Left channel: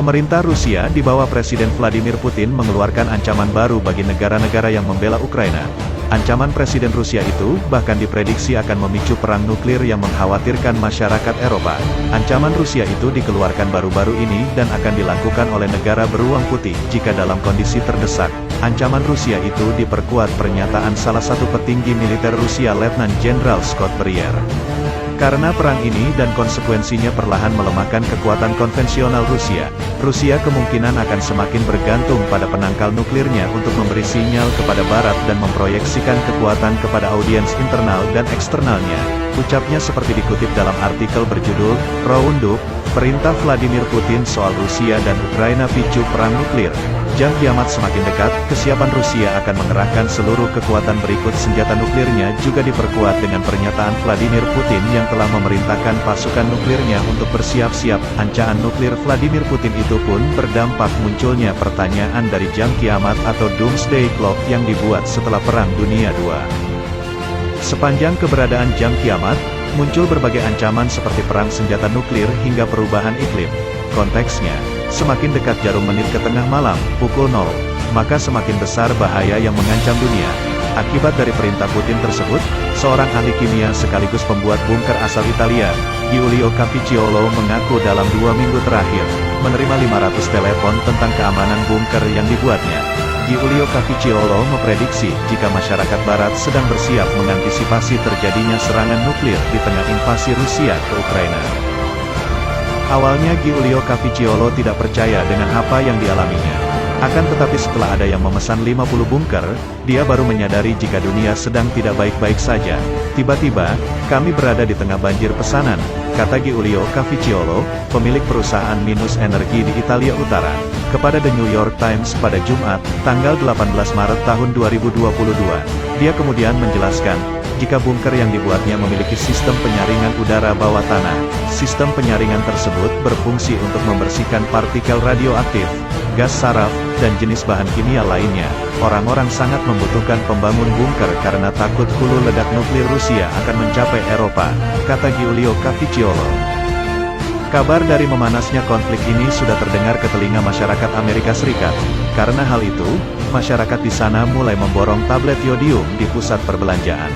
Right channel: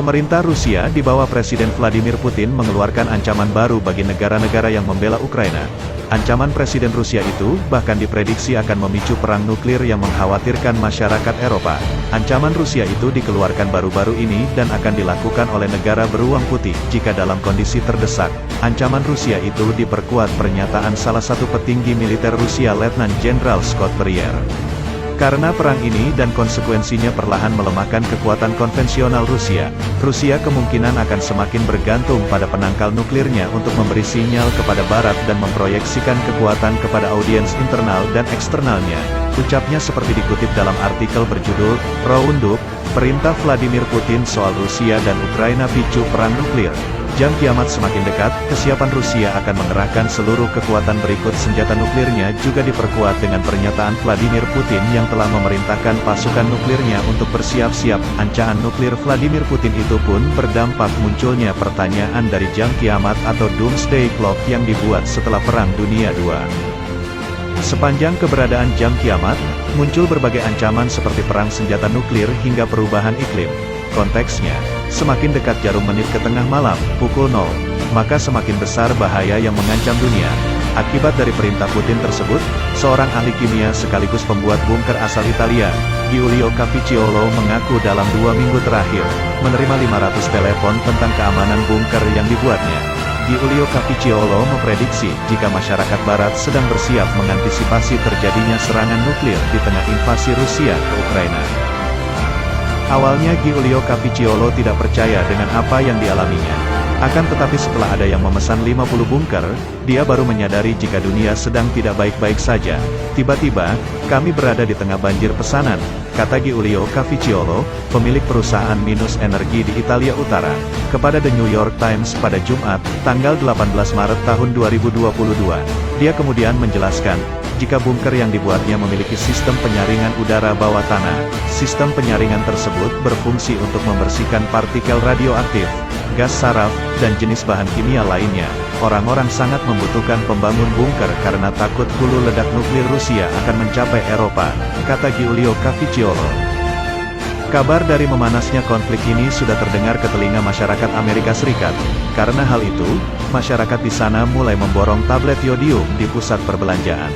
Pemerintah Rusia di bawah Presiden Vladimir Putin mengeluarkan ancaman baru bagi negara-negara yang membela Ukraina. Ancaman Presiden Rusia itu bahkan diprediksi akan memicu perang nuklir yang mengkhawatirkan masyarakat Eropa. Ancaman Rusia itu dikeluarkan baru-baru ini dan akan dilakukan oleh negara beruang putih jika dalam kondisi terdesak. Ancaman Rusia itu diperkuat pernyataan salah satu petinggi militer Rusia Letnan Jenderal Scott Breyer. Karena perang ini dan konsekuensinya perlahan melemahkan kekuatan konvensional Rusia, Rusia kemungkinan akan semakin bergantung pada penangkal nuklirnya untuk memberi sinyal kepada Barat dan memproyeksikan kekuatan kepada audiens internal dan eksternalnya. Ucapnya seperti dikutip dalam artikel berjudul, Roundup, Perintah Vladimir Putin soal Rusia dan Ukraina picu perang nuklir. Jam kiamat semakin dekat, kesiapan Rusia akan mengerahkan seluruh kekuatan berikut senjata nuklirnya juga diperkuat dengan pernyataan Vladimir Putin yang telah memerintahkan pasukan nuklirnya untuk bersiap-siap. Ancaman nuklir Vladimir Putin itu pun berdampak munculnya pertanyaan dari jam kiamat atau Doomsday Clock yang dibuat setelah Perang Dunia II. Sepanjang keberadaan jam kiamat, muncul berbagai ancaman seperti perang senjata nuklir hingga perubahan iklim. Konteksnya, semakin dekat jarum menit ke tengah malam, pukul 0, maka semakin besar bahaya yang mengancam dunia. Akibat dari perintah Putin tersebut, seorang ahli kimia sekaligus pembuat bunker asal Italia, Giulio Cavicciolo mengaku dalam 2 minggu terakhir, menerima 500 telepon tentang keamanan bunker yang dibuatnya. Giulio Cavicciolo memprediksi jika masyarakat Barat sedang bersiap mengantisipasi terjadinya serangan nuklir di tengah invasi Rusia ke Ukraina. Awalnya Giulio Cavicciolo tidak percaya dengan apa yang dialaminya. Akan tetapi setelah ada yang memesan 50 bunker, dia baru menyadari jika dunia sedang tidak baik-baik saja. Tiba-tiba, kami berada di tengah banjir pesanan, kata Giulio Cavicciolo, pemilik perusahaan minus energi di Italia Utara, kepada The New York Times pada Jumat, tanggal 18 Maret tahun 2022. Dia kemudian menjelaskan, jika bunker yang dibuatnya memiliki sistem penyaringan udara bawah tanah, sistem penyaringan tersebut berfungsi untuk membersihkan partikel radioaktif, gas saraf, dan jenis bahan kimia lainnya. Orang-orang sangat membutuhkan pembangun bunker karena takut hulu ledak nuklir Rusia akan mencapai Eropa, kata Giulio Cavicciolo. Kabar dari memanasnya konflik ini sudah terdengar ke telinga masyarakat Amerika Serikat. Karena hal itu, masyarakat di sana mulai memborong tablet yodium di pusat perbelanjaan.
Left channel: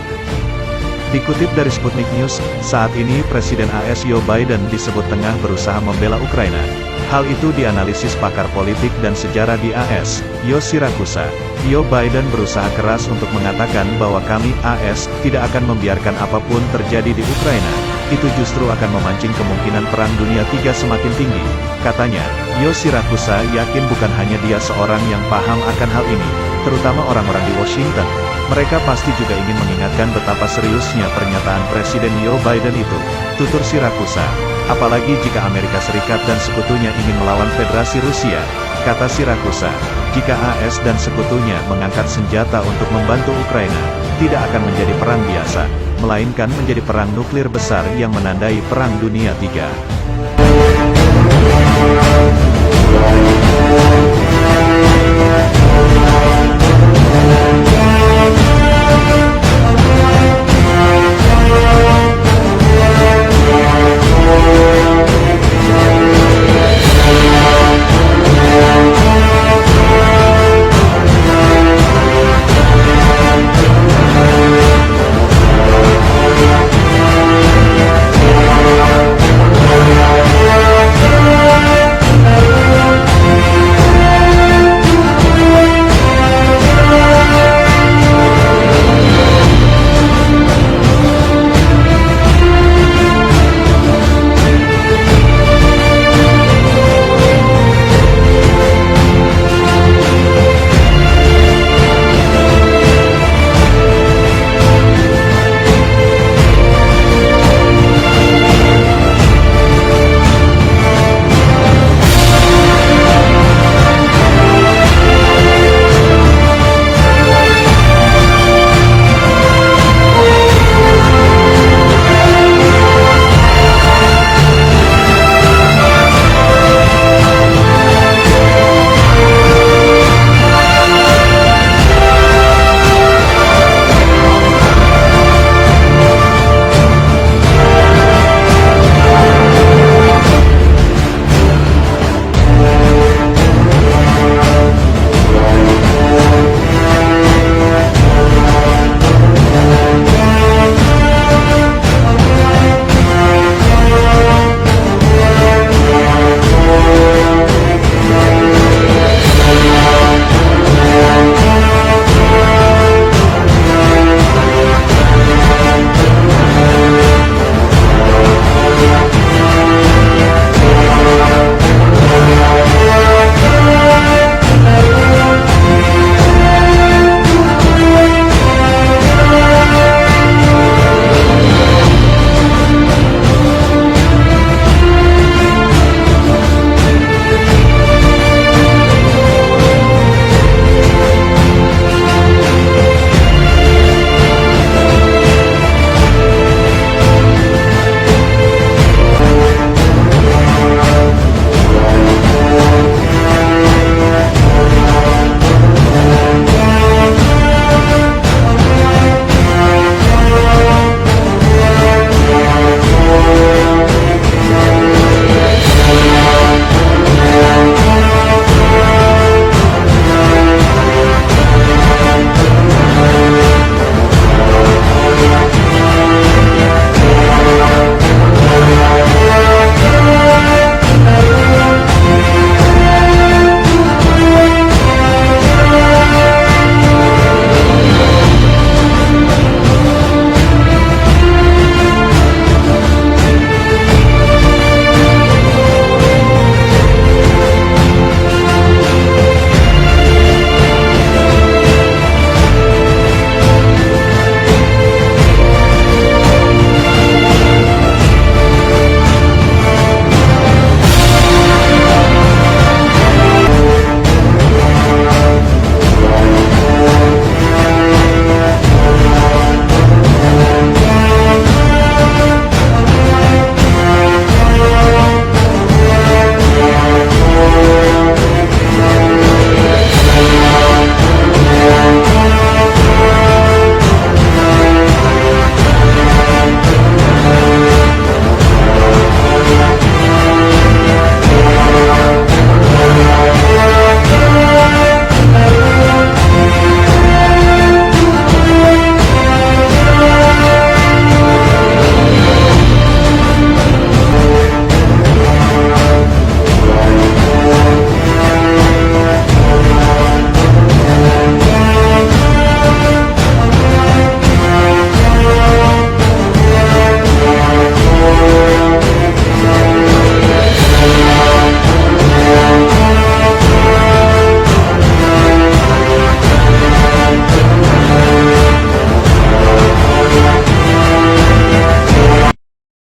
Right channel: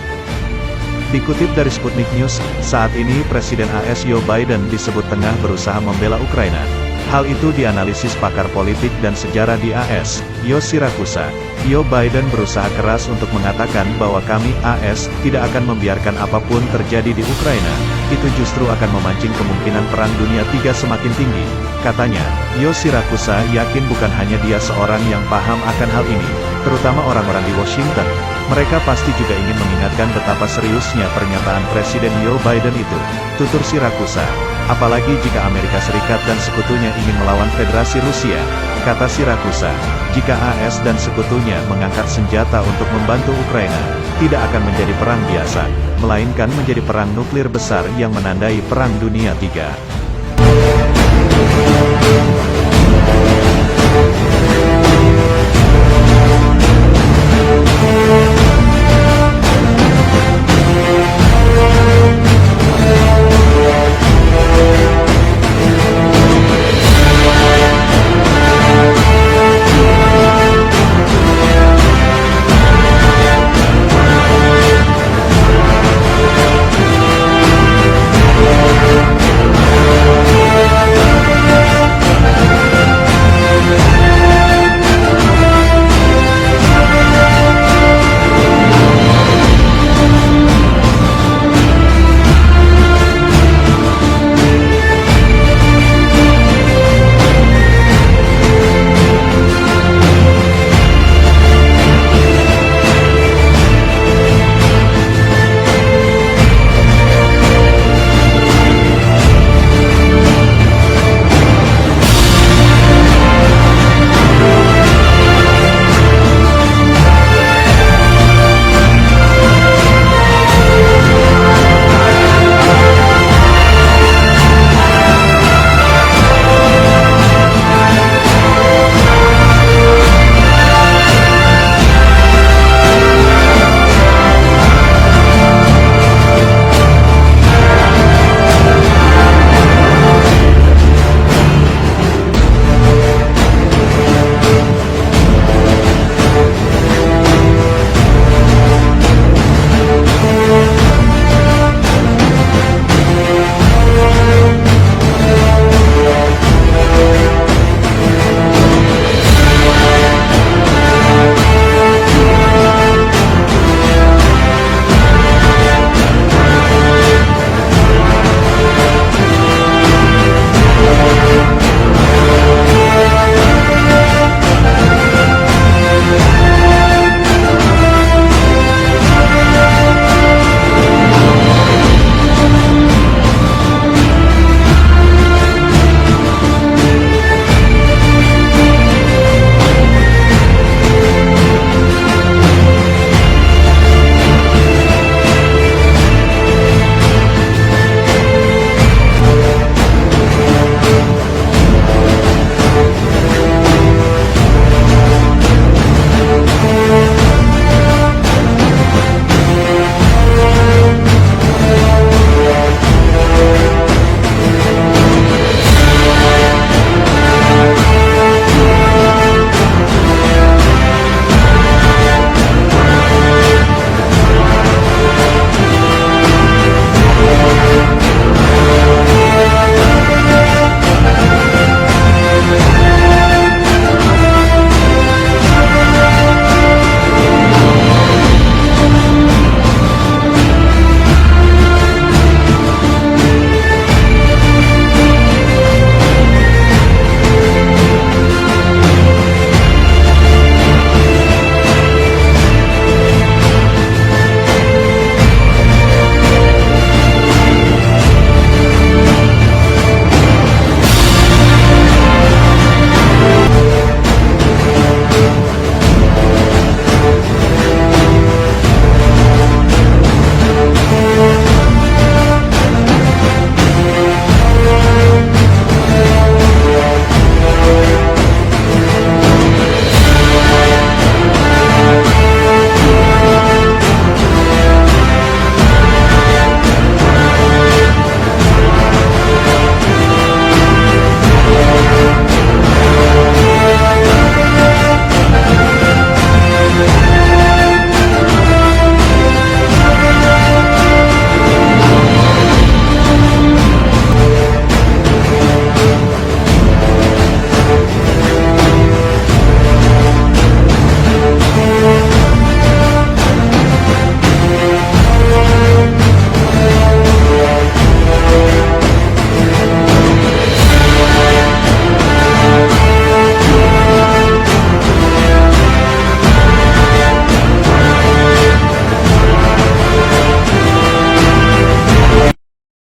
Dikutip dari Sputnik News, saat ini Presiden AS Joe Biden disebut tengah berusaha membela Ukraina. Hal itu dianalisis pakar politik dan sejarah di AS, Joe Siracusa. Joe Biden berusaha keras untuk mengatakan bahwa kami, AS, tidak akan membiarkan apapun terjadi di Ukraina. Itu justru akan memancing kemungkinan Perang Dunia III semakin tinggi. Katanya, Joe Siracusa yakin bukan hanya dia seorang yang paham akan hal ini, terutama orang-orang di Washington. Mereka pasti juga ingin mengingatkan betapa seriusnya pernyataan Presiden Joe Biden itu, tutur Siracusa. Apalagi jika Amerika Serikat dan sekutunya ingin melawan Federasi Rusia, kata Siracusa. Jika AS dan sekutunya mengangkat senjata untuk membantu Ukraina, tidak akan menjadi perang biasa, melainkan menjadi perang nuklir besar yang menandai Perang Dunia III.